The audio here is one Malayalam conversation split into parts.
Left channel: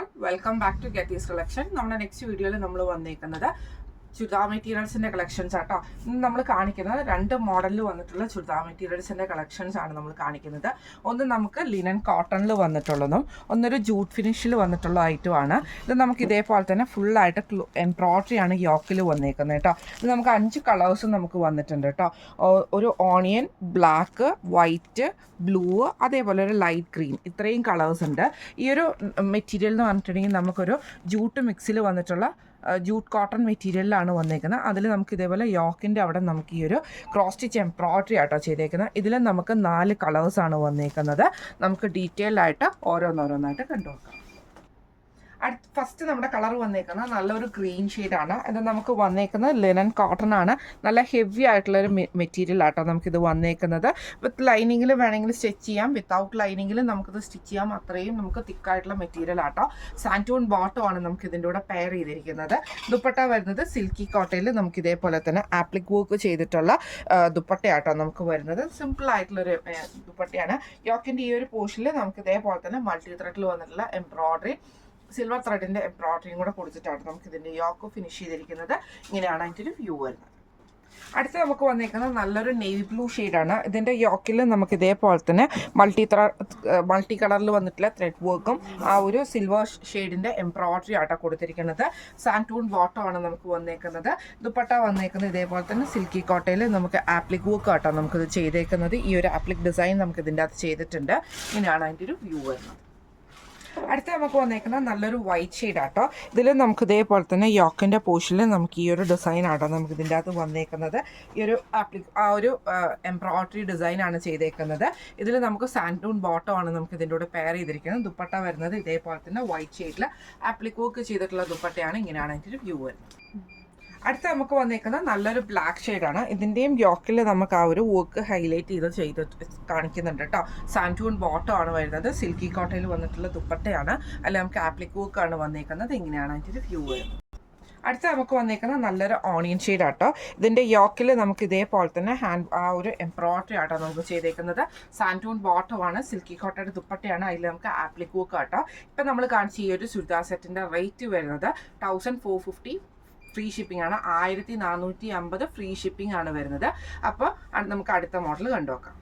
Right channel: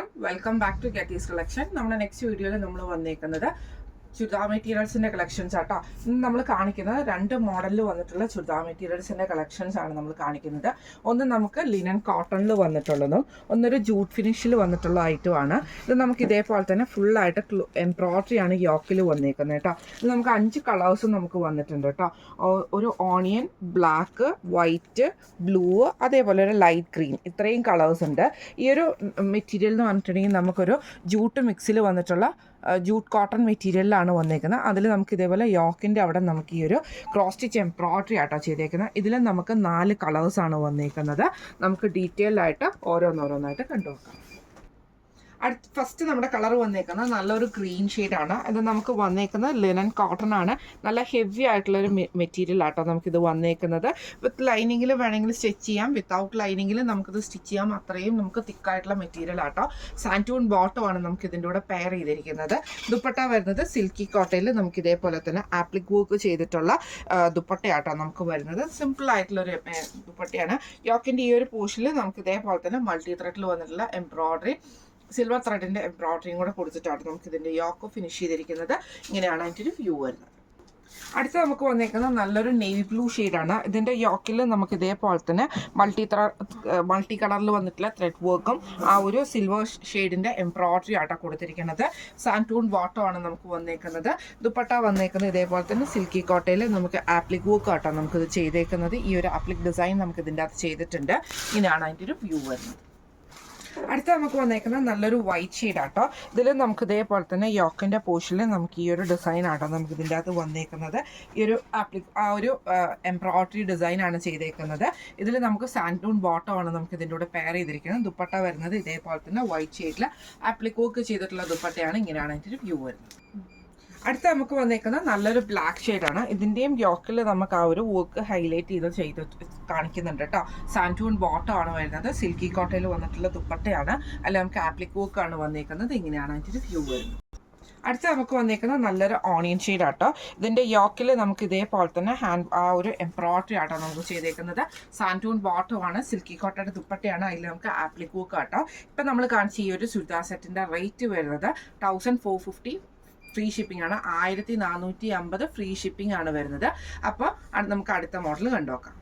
all, welcome back to Getty's Collection. നമ്മുടെ നെക്സ്റ്റ് വീഡിയോയിൽ നമ്മൾ വന്നിരിക്കുന്നത് ചുരിദാർ മെറ്റീരിയൽസിൻ്റെ കളക്ഷൻസ് ആട്ടോ. ഇന്ന് നമ്മൾ കാണിക്കുന്നത് രണ്ട് മോഡലിൽ വന്നിട്ടുള്ള ചുരിദാർ മെറ്റീരിയൽസിൻ്റെ കളക്ഷൻസ് ആണ് നമ്മൾ കാണിക്കുന്നത്. ഒന്ന് നമുക്ക് ലിനൻ കോട്ടണിൽ വന്നിട്ടുള്ളതും ഒന്നൊരു ജൂട്ട് ഫിനിഷിൽ വന്നിട്ടുള്ള ഐറ്റമാണ്. ഇത് നമുക്ക് ഇതേപോലെ തന്നെ ഫുള്ളായിട്ട് എംബ്രോയ്ഡറി ആണ് യോക്കിൽ വന്നേക്കുന്നത് കേട്ടോ. ഇത് നമുക്ക് 5 കളേഴ്സും നമുക്ക് വന്നിട്ടുണ്ട് കേട്ടോ. ഒരു ഓണിയൻ, ബ്ലാക്ക്, വൈറ്റ്, ബ്ലൂ, അതേപോലെ ഒരു ലൈറ്റ് ഗ്രീൻ, ഇത്രയും കളേഴ്സ് ഉണ്ട്. ഈ ഒരു മെറ്റീരിയൽ എന്ന് പറഞ്ഞിട്ടുണ്ടെങ്കിൽ നമുക്കൊരു ജൂട്ട് മിക്സിൽ വന്നിട്ടുള്ള ജൂട്ട് കോട്ടൺ മെറ്റീരിയലിലാണ് വന്നേക്കുന്നത്. അതിൽ നമുക്ക് ഇതേപോലെ യോക്കിൻ്റെ അവിടെ നമുക്ക് ഈ ഒരു ക്രോസ് സ്റ്റിച്ച് എംബ്രോയ്ഡറി ആട്ടോ ചെയ്തേക്കുന്നത്. ഇതിൽ നമുക്ക് 4 കളേഴ്സാണ് വന്നേക്കുന്നത്. നമുക്ക് ഡീറ്റെയിൽ ആയിട്ട് ഓരോന്നോരോന്നായിട്ട് കണ്ടുനോക്കാം. ഫസ്റ്റ് നമ്മുടെ കളർ വന്നേക്കുന്നത് നല്ലൊരു ഗ്രീൻ ഷെയ്ഡാണ്. ഇത് നമുക്ക് വന്നേക്കുന്നത് ലിനൻ കോട്ടൺ ആണ്. നല്ല ഹെവി ആയിട്ടുള്ളൊരു മെറ്റീരിയൽ ആട്ടോ നമുക്കിത് വന്നേക്കുന്നത്. വിത്ത് ലൈനിങ്ങിൽ വേണമെങ്കിൽ സ്റ്റിച്ച് ചെയ്യാം, വിത്തൗട്ട് ലൈനിങ്ങിൽ നമുക്കിത് സ്റ്റിച്ച് ചെയ്യാം. അത്രയും നമുക്ക് തിക്കായിട്ടുള്ള മെറ്റീരിയൽ ആട്ടോ. സാൻറ്റൂൺ ബോട്ടം ആണ് നമുക്ക് ഇതിൻ്റെ കൂടെ പെയർ ചെയ്തിരിക്കുന്നത്. ദുപ്പട്ട വരുന്നത് സിൽക്കി കോട്ടയിൽ നമുക്ക് ഇതേപോലെ തന്നെ ആപ്ലിക് വർക്ക് ചെയ്തിട്ടുള്ള ദുപ്പട്ടയാട്ടോ നമുക്ക് വരുന്നത്. സിമ്പിൾ ആയിട്ടുള്ളൊരു ദുപ്പട്ടയാണ്. യോക്കിൻ്റെ ഈ ഒരു പോർഷനിൽ നമുക്ക് ഇതേപോലെ തന്നെ മൾട്ടി ത്രെഡിൽ വന്നിട്ടുള്ള എംബ്രോയ്ഡറി, സിൽവർ ത്രെഡിൻ്റെ എംബ്രോയ്ഡറിയും കൂടെ കൊടുത്തിട്ടാണ് നമുക്ക് ഇതിൻ്റെ യോക്ക് ഫിനിഷ് ചെയ്തിരിക്കുന്നത്. ഇങ്ങനെയാണ് അതിൻ്റെ ഒരു വ്യൂ വരുന്നത്. അടുത്ത നമുക്ക് വന്നേക്കുന്നത് നല്ലൊരു നേവി ബ്ലൂ ഷെയ്ഡാണ്. ഇതിൻ്റെ യോക്കിൽ നമുക്ക് ഇതേപോലെ തന്നെ മൾട്ടി കളറിൽ വന്നിട്ടുള്ള ത്രെഡ് വർക്കും ആ ഒരു സിൽവർ ഷെയ്ഡിൻ്റെ എംബ്രോയ്ഡറി ആട്ടോ കൊടുത്തിരിക്കുന്നത്. സാൻറ്റൂൺ ബോട്ടം ആണ് നമുക്ക് വന്നേക്കുന്നത്. ദുപ്പട്ട വന്നേക്കുന്നത് ഇതേപോലെ തന്നെ സിൽക്കി കോട്ടയിൽ നമുക്ക് ആപ്ലിക് വർക്ക് ആട്ടോ നമുക്കിത് ചെയ്തേക്കുന്നത്. ഈ ഒരു ആപ്ലിക് ഡിസൈൻ നമുക്ക് ഇതിൻ്റെ അകത്ത് ചെയ്തിട്ടുണ്ട്. ഇങ്ങനെയാണ് അതിൻ്റെ ഒരു വ്യൂ വരുന്നത്. അടുത്ത നമുക്ക് വന്നേക്കുന്നത് നല്ലൊരു വൈറ്റ് ഷെയ്ഡ് ആട്ടോ. ഇതിൽ നമുക്ക് ഇതേപോലെ തന്നെ യോക്കിൻ്റെ പോർഷനിൽ നമുക്ക് ഈ ഒരു ഡിസൈൻ ആട്ടോ നമുക്ക് ഇതിൻ്റെ അകത്ത് വന്നേക്കുന്നത്. ഈ ഒരു ആ ഒരു എംബ്രോയ്ഡറി ഡിസൈനാണ് ചെയ്തേക്കുന്നത്. ഇതിൽ നമുക്ക് സാൻറ്റൂൺ ബോട്ടം ആണ് നമുക്ക് ഇതിൻ്റെ കൂടെ പെയർ ചെയ്തിരിക്കുന്നത്. ദുപ്പട്ട വരുന്നത് ഇതേപോലെ തന്നെ വൈറ്റ് ഷെയ്ഡിൽ ആപ്ലിക് വർക്ക് ചെയ്തിട്ടുള്ള ദുപ്പട്ടയാണ്. ഇങ്ങനെയാണ് അതിൻ്റെ ഒരു വ്യൂ വരുന്നത്. അടുത്ത നമുക്ക് വന്നേക്കുന്നത് നല്ലൊരു ബ്ലാക്ക് ഷെയ്ഡാണ്. ഇതിൻ്റെയും യോക്കിൽ നമുക്ക് ആ ഒരു വർക്ക് ഹൈലൈറ്റ് ചെയ്ത് കാണിക്കുന്നുണ്ട് കേട്ടോ. സാൻറ്റൂൺ ബോട്ടം ആണ് വരുന്നത്. സിൽക്കി കോട്ടയിൽ വന്നിട്ടുള്ള ദുപ്പട്ടയാണ്. അല്ല നമുക്ക് ആപ്ലിക് വർക്കാണ് വന്നേക്കുന്നത്. ഇങ്ങനെയാണ് അതിൻ്റെ ഒരു വ്യൂ വരുന്നത്. അടുത്ത നമുക്ക് വന്നേക്കുന്നത് നല്ലൊരു ഓണിയൻ ഷെയ്ഡ് ആട്ടോ. ഇതിൻ്റെ യോക്കിൽ നമുക്ക് ഇതേപോലെ തന്നെ ആ ഒരു എംബ്രോയ്ഡറി ആട്ടോ നമുക്ക് ചെയ്തേക്കുന്നത്. സാൻറ്റൂൺ ബോട്ടമാണ്, സിൽക്കി കോട്ടയുടെ ദുപ്പട്ടയാണ്. അതിൽ നമുക്ക് ആപ്ലിക് വർക്ക് ആട്ടോ. ഇപ്പം നമ്മൾ കാണിച്ച ഈ ഒരു ചുരിദാർ സെറ്റിൻ്റെ റേറ്റ് വരുന്നത് 1450 ഫ്രീ ഷിപ്പിംഗ് ആണ്. 1450 ഫ്രീ ഷിപ്പിംഗ് ആണ് വരുന്നത്. അപ്പോൾ നമുക്ക് അടുത്ത മോഡൽ കണ്ടുനോക്കാം.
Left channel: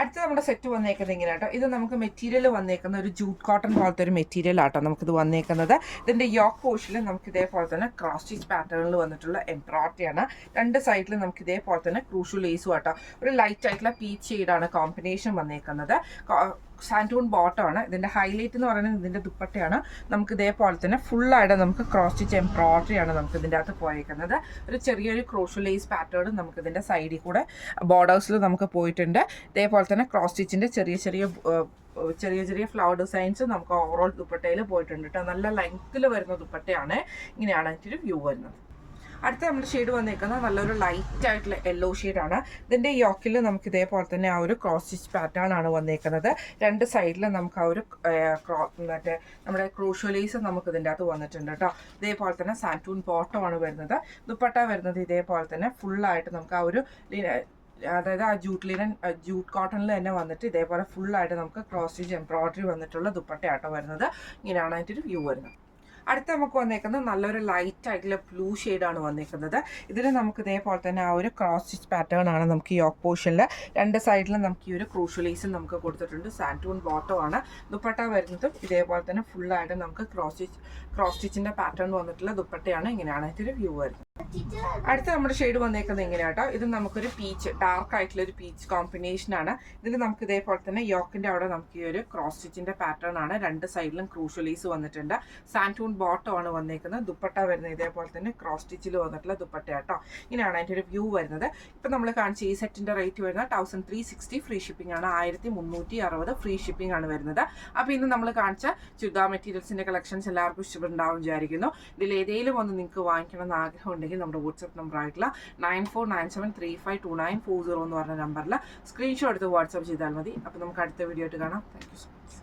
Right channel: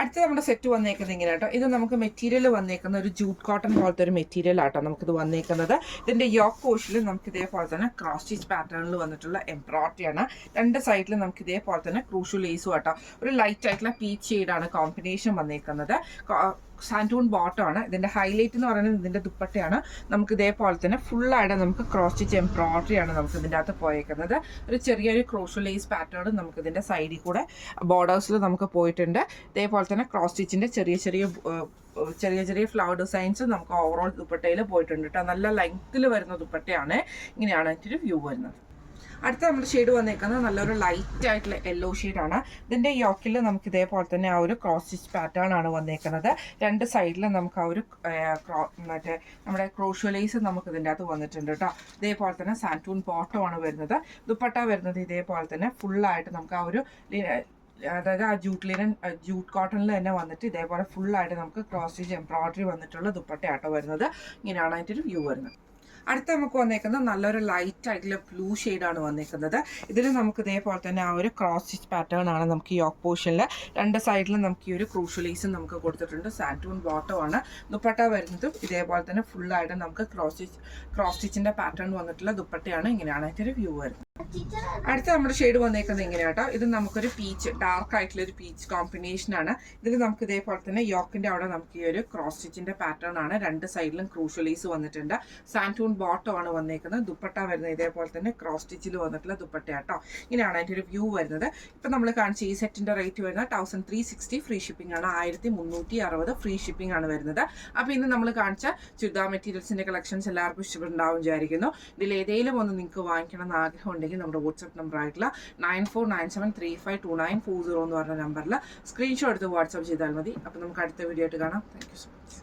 അടുത്ത നമ്മുടെ സെറ്റ് വന്നേക്കുന്നത് ഇങ്ങനെ കേട്ടോ. ഇത് നമുക്ക് മെറ്റീരിയൽ വന്നേക്കുന്ന ഒരു ജൂട്ട് കോട്ടൺ പോലത്തെ ഒരു മെറ്റീരിയൽ ആട്ടോ നമുക്കിത് വന്നേക്കുന്നത്. ഇതിൻ്റെ യോക്ക് പോർഷനിൽ നമുക്ക് ഇതേപോലെ തന്നെ ക്രോസ് സ്റ്റിച്ച് പാറ്റേണിൽ വന്നിട്ടുള്ള എംബ്രോയ്ഡറി ആണ്. 2 സൈഡിൽ നമുക്ക് ഇതേപോലെ തന്നെ ക്രൂഷ്യൽ ലേസും ആട്ടോ. ഒരു ലൈറ്റ് ആയിട്ടുള്ള പീച്ച് ഷെയ്ഡാണ് കോമ്പിനേഷൻ വന്നേക്കുന്നത്. സാൻറ്റൂൺ ബോട്ടം ആണ്. ഇതിൻ്റെ ഹൈലൈറ്റ് എന്ന് പറയുന്നത് ഇതിൻ്റെ ദുപ്പട്ടയാണ്. നമുക്ക് ഇതേപോലെ തന്നെ ഫുള്ളായിട്ട് നമുക്ക് ക്രോസ് സ്റ്റിച്ച് എംബ്രോയ്ഡറി ആണ് നമുക്ക് ഇതിൻ്റെ അകത്ത് പോയേക്കുന്നത്. ഒരു ചെറിയൊരു ക്രോഷ്യൽ ലേസ് പാറ്റേൺ നമുക്ക് ഇതിൻ്റെ സൈഡിൽ കൂടെ ബോർഡേഴ്സിൽ നമുക്ക് പോയിട്ടുണ്ട്. ഇതേപോലെ തന്നെ ക്രോസ് സ്റ്റിച്ചിൻ്റെ ചെറിയ ഫ്ലവർ ഡിസൈൻസ് നമുക്ക് ഓവറോൾ ദുപ്പട്ടയിൽ പോയിട്ടുണ്ട് കേട്ടോ. നല്ല ലെങ്ത്തിൽ വരുന്ന ദുപ്പട്ടയാണ്. ഇങ്ങനെയാണ് അതിൻ്റെ ഒരു വ്യൂ വരുന്നത്. അടുത്ത നമ്മുടെ ഷെയ്ഡ് വന്നേക്കുന്നത് നല്ലൊരു ലൈറ്റ് ആയിട്ടുള്ള യെല്ലോ ഷെയ്ഡാണ്. ഇതിൻ്റെ യോക്കിൽ നമുക്ക് ഇതേപോലെ തന്നെ ആ ഒരു ക്രോസ് സ്റ്റിച്ച് പാറ്റേൺ ആണ് വന്നേക്കുന്നത്. 2 സൈഡിൽ നമുക്ക് ആ ഒരു മറ്റേ നമ്മുടെ ക്രോഷ്യോലൈസ് നമുക്ക് ഇതിൻ്റെ അകത്ത് വന്നിട്ടുണ്ട് കേട്ടോ. ഇതേപോലെ തന്നെ സാൻറ്റൂൺ ബോട്ടം ആണ് വരുന്നത്. ദുപ്പട്ട വരുന്നത് ഇതേപോലെ തന്നെ ഫുള്ളായിട്ട് നമുക്ക് ആ ഒരു അതായത് ആ ജൂട്ട് കോട്ടണിൽ തന്നെ വന്നിട്ട് ഇതേപോലെ ഫുള്ളായിട്ട് നമുക്ക് ക്രോസ് സ്റ്റിച്ച് എംബ്രോയ്ഡറി വന്നിട്ടുള്ള ദുപ്പട്ടയാട്ടോ വരുന്നത്. ഇങ്ങനെയാണ് അതിൻ്റെ ഒരു വ്യൂ വരുന്നത്. അടുത്ത നമുക്ക് വന്നേക്കുന്നത് നല്ലൊരു ലൈറ്റ് ആയിട്ടുള്ള ബ്ലൂ ഷെയ്ഡാണ് വന്നേക്കുന്നത്. ഇതിൽ നമുക്ക് ഇതേപോലെ തന്നെ ആ ഒരു ക്രോസ് സ്റ്റിച്ച് പാറ്റേൺ ആണ് നമുക്ക് ഈ യോക്ക് പോർഷനിൽ 2 സൈഡിലും നമുക്ക് ഈ ഒരു ക്രൂഷ്യലൈസും നമുക്ക് കൊടുത്തിട്ടുണ്ട്. സാൻറ്റൂൺ ബോട്ടം ആണ്. ദുപ്പട്ട വരുന്നതും ഇതേപോലെ തന്നെ ഫുള്ളായിട്ട് നമുക്ക് ക്രോസ് സ്റ്റിച്ചിൻ്റെ പാറ്റേൺ വന്നിട്ടുള്ള ദുപ്പട്ടയാണ്. ഇങ്ങനെയാണ് അതിൻ്റെ ഒരു വ്യൂ വരുന്നത്. അടുത്ത നമ്മുടെ ഷെയ്ഡ് വന്നേക്കുന്നത് ഇങ്ങനെയാട്ടോ. ഇത് നമുക്കൊരു പീച്ച്, ഡാർക്ക് ആയിട്ടുള്ള ഒരു പീച്ച് കോമ്പിനേഷനാണ്. ഇതിൽ നമുക്ക് ഇതേപോലെ തന്നെ യോക്കിൻ്റെ അവിടെ നമുക്ക് ഈ ഒരു ക്രോസ് സ്റ്റിച്ചിൻ്റെ പാറ്റേൺ ആണ്. 2 സൈഡിലും ക്രൂഷ്യലൈസ് വന്നിട്ടുണ്ട്. സാൻറ്റൂൺ ബോട്ടം ആണ് വന്നേക്കുന്നത്. ദുപ്പട്ട വരുന്നത് ഇതേപോലെ തന്നെ ക്രോസ് സ്റ്റിച്ചിൽ വന്നിട്ടുള്ള ദുപ്പട്ടയാട്ടോ. ഇങ്ങനെയാണ് അതിൻ്റെ ഒരു വ്യൂ വരുന്നത്. ഇപ്പം നമ്മൾ കാണിച്ച ഈ സെറ്റിൻ്റെ റേറ്റ് വരുന്നത് 1360 ഫ്രീ ഷിപ്പിംഗ് ആണ്. 1360 ഫ്രീ ഷിപ്പിംഗ് ആണ് വരുന്നത്. അപ്പോൾ ഇന്ന് നമ്മൾ കാണിച്ച ചുരിദാർ മെറ്റീരിയൽസിൻ്റെ കളക്ഷൻസ് എല്ലാവർക്കും ഇഷ്ടപ്പെട്ടുണ്ടാവും വിചാരിക്കുന്നു. ഇതിൽ ഏതെങ്കിലും ഒന്ന് നിങ്ങൾക്ക് വാങ്ങിക്കണം എന്ന് ആഗ്രഹം ഉണ്ടെങ്കിൽ നമ്മുടെ വാട്സ്ആപ്പ് നമ്പർ ആയിട്ടുള്ള 9497352940 എന്ന് പറഞ്ഞ നമ്പറിൽ സ്ക്രീൻഷോട്ട് എടുത്ത് വാട്സ്ആപ്പ് ചെയ്താൽ മതി. അപ്പോൾ നമുക്ക് അടുത്ത വീഡിയോ ആയിട്ട് കാണാം. Thank you so much.